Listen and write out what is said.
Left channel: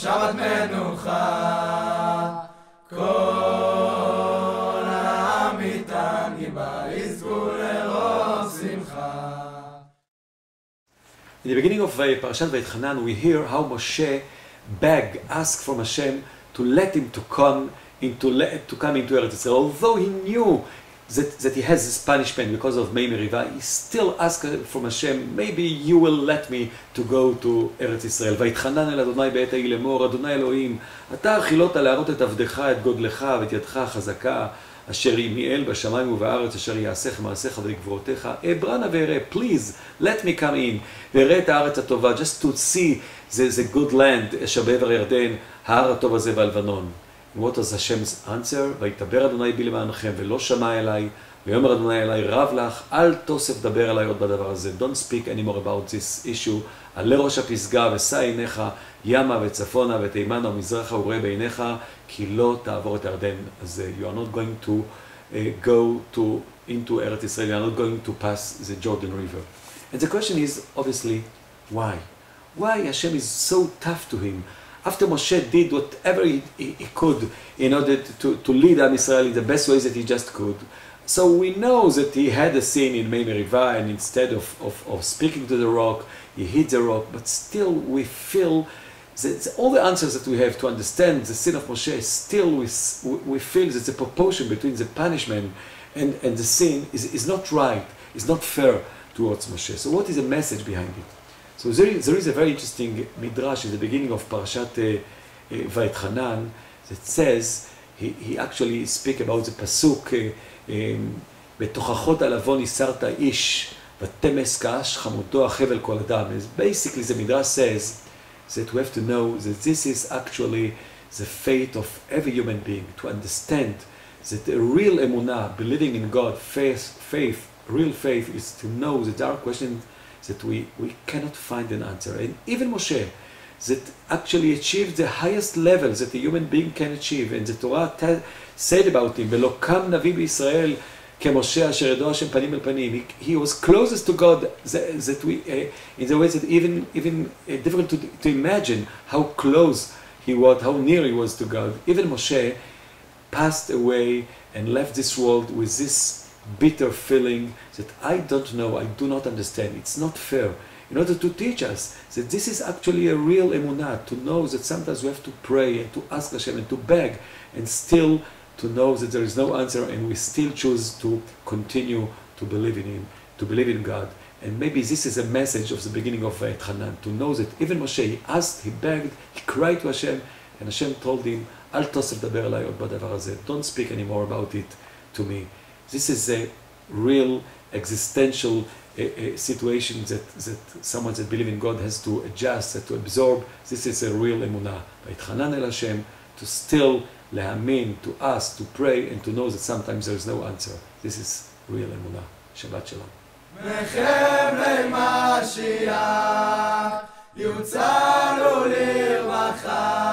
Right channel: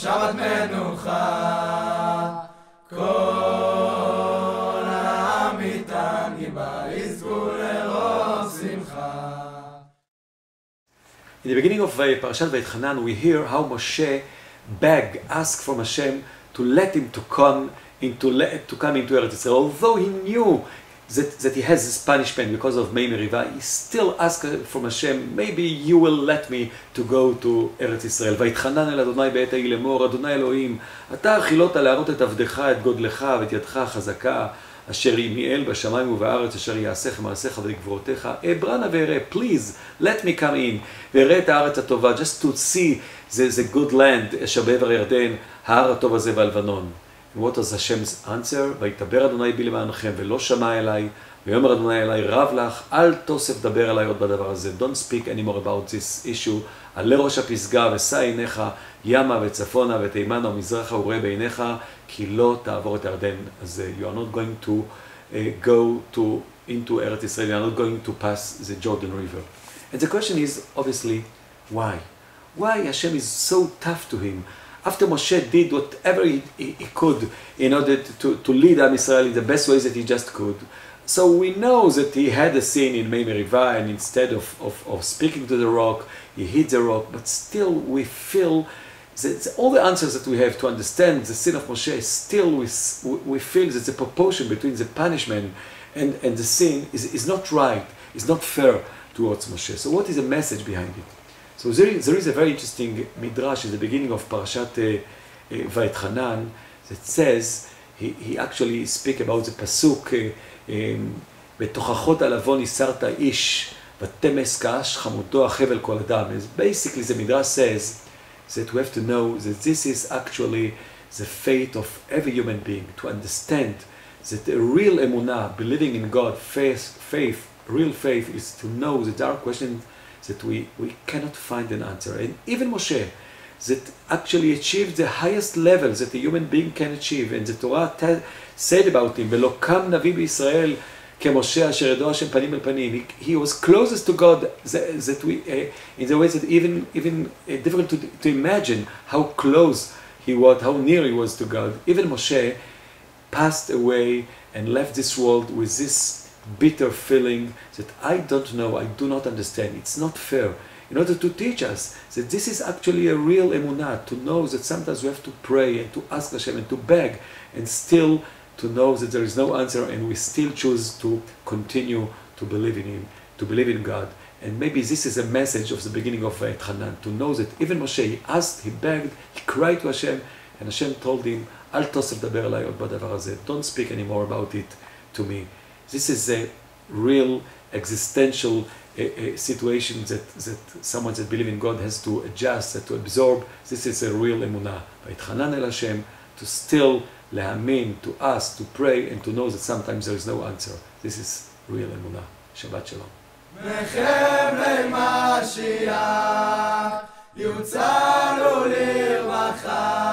שבת מנוחה. כל העם איתן גיבה יזכו לרוב שמחה. In the beginning of Parashat Vayetchanan, we hear how Moshe asked from Hashem to let him to come into Eretz Israel. Although he knew that he has this punishment because of Mei Meriva, he still asked from Hashem, maybe you will let me to go to Eretz Israel. ויתחנן אל אדוני בעת ההיא לאמור, אדוני אלוהים, אתה החילות להראות את עבדך, את גודלך ואת ידך החזקה, אשר ימיאל בשמיים ובארץ, אשר יעשיך מעשיך וגבורותיך. אברנה ואראה, please, let me come in, ואראה את הארץ הטובה, just to see the good land, אשר בעבר הירדן, ההר הטוב הזה והלבנון. And what was Hashem's answer? ויתבר אדוני בי למענכם, ולא שמע אליי, ויאמר אדוני אליי, רב לך, אל תוסף דבר אליי עוד בדבר הזה. Don't speak anymore about this issue. עלה ראש הפסגה, ושא עיניך, ימה וצפונה ותימנה ומזרחה וראה בעיניך, כי לא תעבור את הירדן הזה. You are not going to go into Eretz Israel. You are not going to pass the Jordan River. And the question is, obviously, why? Why Hashem is so tough to him? After Moshe did whatever he could in order to lead Am Israel in the best ways that he just could. So we know that he had a sin in Mei Meriva, and instead of speaking to the rock, he hit the rock. But still we feel that all the answers that we have to understand the sin of Moshe, still we feel that the proportion between the punishment and the sin is not right, is not fair towards Moshe. So what is the message behind it? So there is a very interesting midrash at the beginning of Parashat Vayetchanan that says, he actually speaks about the pasuk, בתוכחות הלבון יסרת איש, ותמס כאש חמותו החבל כל אדם. Basically the midrash says that we have to know that this is actually the fate of every human being, to understand that the real emunah, believing in God, real faith is to know that there are questions that we cannot find an answer. And even Moshe, that actually achieved the highest levels that a human being can achieve. And the Torah said about him, ולא קם נביא בישראל כמשה אשר ידו השם פנים אל פנים. He was closest to God that we, in the way that even difficult to imagine how close he was, how near he was to God. Even Moshe passed away and left this world with this bitter feeling that I don't know, I do not understand, it's not fair, in order to teach us that this is actually a real emunah, to know that sometimes we have to pray and to ask Hashem and to beg, and still to know that there is no answer, and we still choose to continue to believe in Him, to believe in God. And maybe this is a message of the beginning of Vayetchanan, to know that even Moshe, he asked, he begged, he cried to Hashem, and Hashem told him, אל תוסף דבר אליי עוד בדבר הזה, don't speak anymore about it to me. This is a real existential situation that someone that believes in God has to adjust, to absorb. This is a real emunah. Vayetchanan el Hashem, to still להאמין, to ask, to pray, and to know that sometimes there is no answer. This is real emunah. Shabbat shalom. מחבלי משיח יוצאנו לרווחה